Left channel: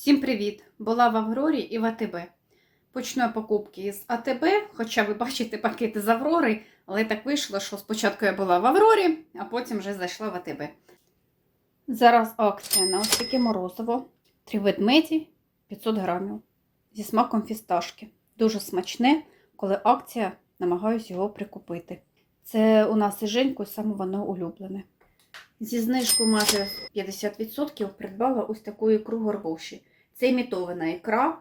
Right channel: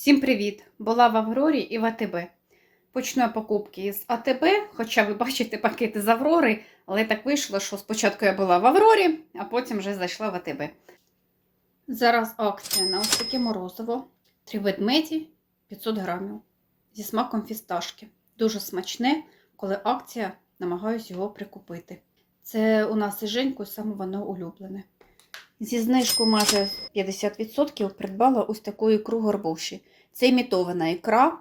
Всім привіт! Була в Аврорі і в АТБ. Почну покупки з АТБ, хоча ви бачите пакети з Аврори, але так вийшло, що спочатку я була в Аврорі, а потім вже зайшла в АТБ. Зараз акція на ось таке морозиво. Три ведмеді 500 грамів зі смаком фісташки. Дуже смачне, коли акція, намагаюсь його прикупити. Це у нас із Женькою саме воно улюблене. Зі знижкою майже 50% придбала ось таку ікру горбуші. Це імітована ікра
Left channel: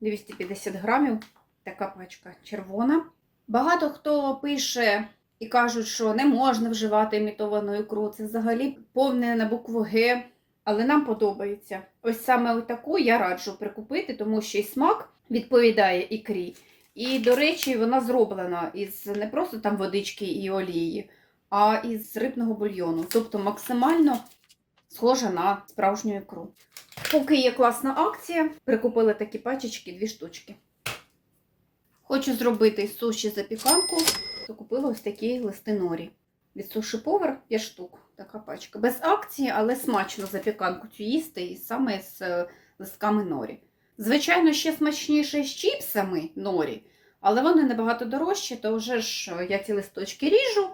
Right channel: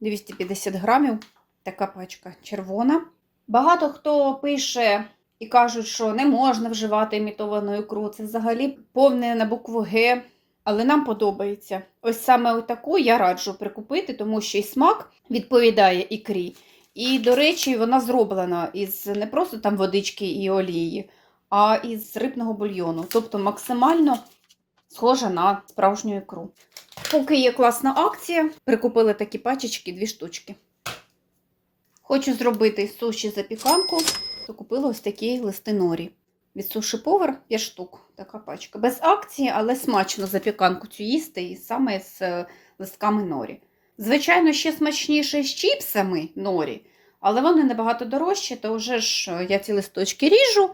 250 грамів, така пачка червона. Багато хто пише і кажуть, що не можна вживати імітовану ікру. Це взагалі повне на букву Г. Але нам подобається. Ось саме таку я раджу прикупити, тому що і смак відповідає ікрі. І, до речі, вона зроблена із не просто там водички і олії, а із рибного бульйону. Тобто максимально схожа на справжню ікру. Поки є класна акція, прикупили такі пачечки, дві штучки. Хочу зробити суші запіканку, то купила ось такі листи норі. Від суші повар 5 штук, така пачка. Без акції, але смачно запіканку цю їсти і саме з е, листками норі. Звичайно, ще смачніше з чіпсами норі, але вони набагато дорожчі, то вже ж е, я ці листочки ріжу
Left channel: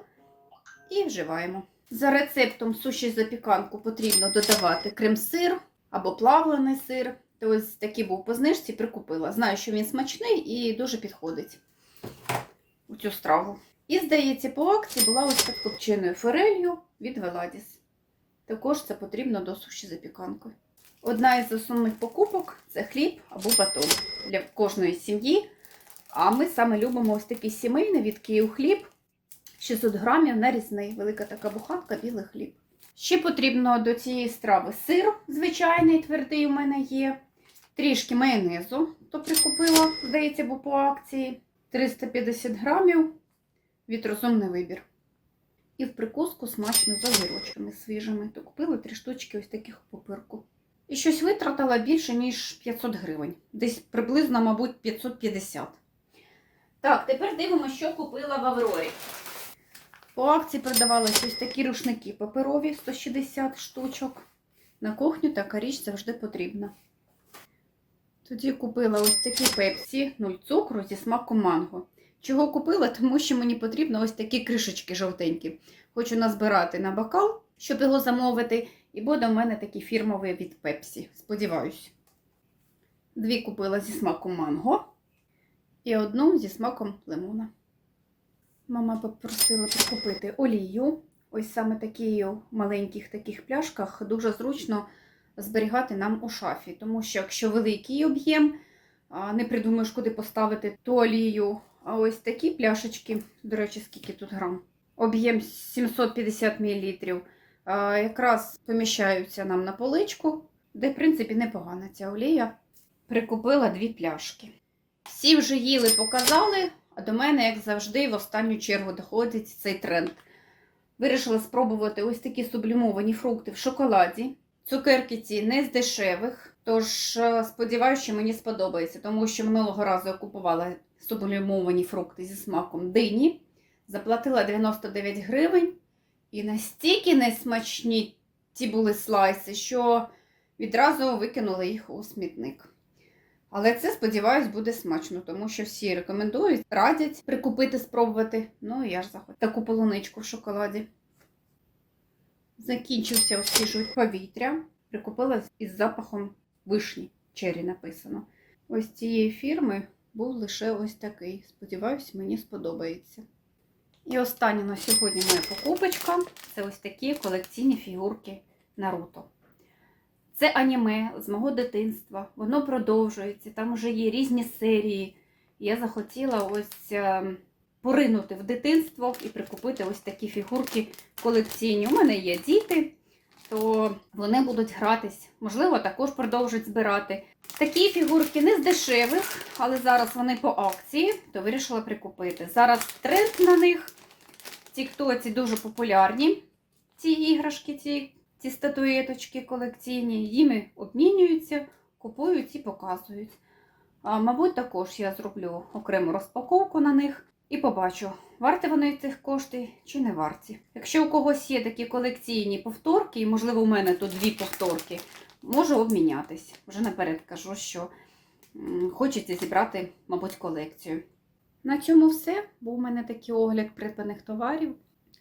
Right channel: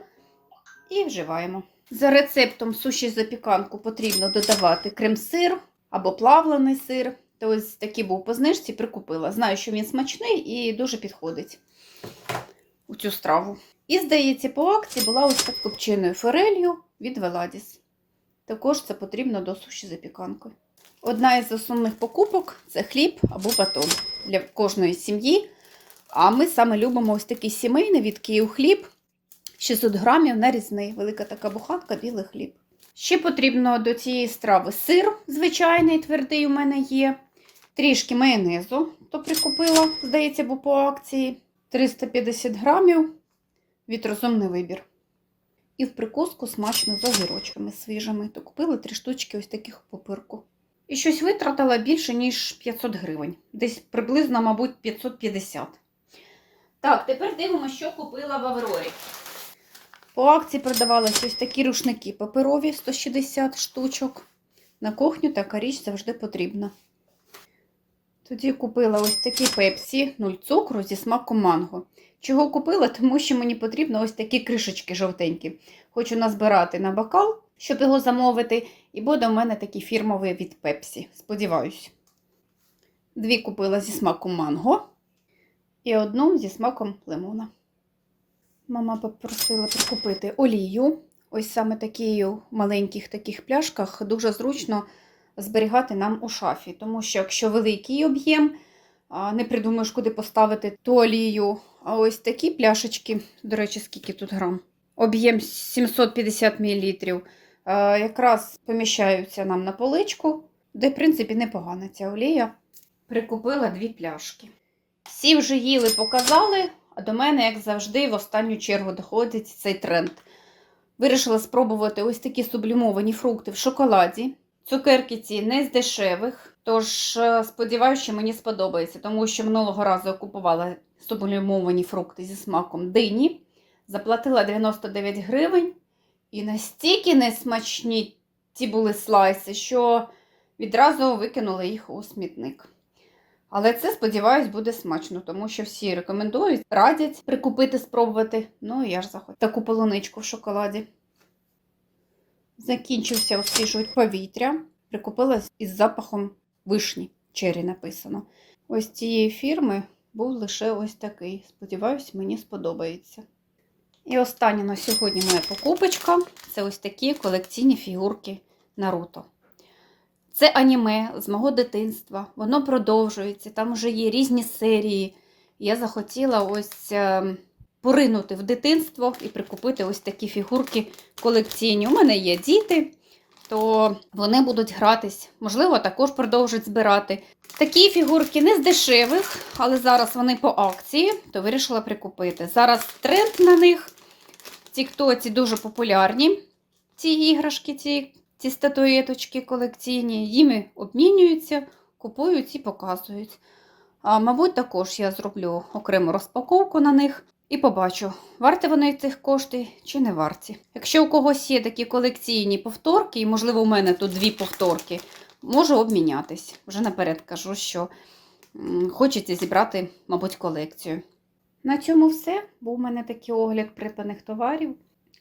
і вживаємо. За рецептом суші запіканку потрібно додавати крем-сир або плавлений сир. То ось такий був по знижці, прикупила. Знаю, що він смачний і дуже підходить у цю страву. І, здається, по акції була ось так копченою форелью від Веладіс. Також це потрібно до суші запіканки. Одна із основних покупок це хліб або батон для кожної сім'ї. А ми саме любимо ось такий сімейний від Київ хліб. 600 грамів нарізний, велика така буханка, білий хліб. Ще потрібно до цієї страви сир, звичайний, твердий у мене є. Трішки майонезу, то прикупила, здається, був по акції. 350 грамів від розумний вибір. І в прикуску смачно з огірочками свіжими. То купила три штучки ось таких у папирку. І щось витратила більше, ніж 500 гривень. Десь приблизно, мабуть, 550. Так, тепер дивимося, що купила в Аврорі. По акції продавалися ось такі рушники паперові 160 штучок. На кухню така річ завжди потрібна. Тоді купила ось такі пепсі 0 цукру зі смаком манго. Чого купила? Тому що мені потрібно ось такі кришечки жовтенькі. Хочу назбирати на бокал, щоб його замовити. І буде у мене такий фірмовий від пепсі. Сподіваюсь. Дві купила зі смаком манго і одну зі смаком лимона. Мама попросила прикупити олію. Ось саме такі маленьких таких пляшках дуже зручно зберігати нам у шафі, тому що якщо великий об'єм, не придумаєш, куди поставити ту олію. А ось такі пляшечки, до речі, скільки тут грам? Об'єм 750 мл. Якраз поміщаються нам на поличку, де, в принципі, непогана ця олія. Прикупила дві пляшки. Всі вже їли, показали, а до мене, як завжди, в останню чергу доходить цей тренд. Вирішила спробувати ось такі сублімовані фрукти в шоколаді. Цукерки ці не з дешевих, тож е, сподіваюся, що мені сподобається, тому що минулого разу я купувала сублімовані фрукти зі смаком дині, заплатила 99 гривень, і настільки несмачні ці були слайси, що відразу викинула їх у смітник. Але це, сподіваюсь, буде смачно, тому що всі рекомендують, радять прикупити, спробувати. Ну я ж захотіла таку полуничку в шоколаді. Закінчився освіжувати повітря. Прикупила із запахом вишні. Чері написано. Ось цієї фірми був лише ось такий. Сподіваюсь, мені сподобається. І остання на сьогодні моя покупочка це ось такі колекційні фігурки Наруто. Це аніме з мого дитинства. Воно продовжується, там вже є різні серії. Я захотіла ось е, поринути в дитинство і прикупити ось такі фігурки колекційні. У мене є діти, то вони будуть гратись. Можливо, також продовжать збирати. Такі фігурки не з дешевих, але зараз вони по акції, то вирішила прикупити. Зараз тренд на них. В Тіктоці дуже популярні ці іграшки, ці, ці статуеточки колекційні. Їми обмінюються, купують і показують. А, мабуть, також я зроблю окрему розпаковку на них і побачу, варті вони цих коштів чи не варті. Якщо у когось є такі колекційні повторки, і, можливо, у мене тут дві повторки, можу обмінятись. Вже наперед кажу, що хочеться зібрати, мабуть, колекцію. На цьому все. Був у мене такий огляд придбаних товарів.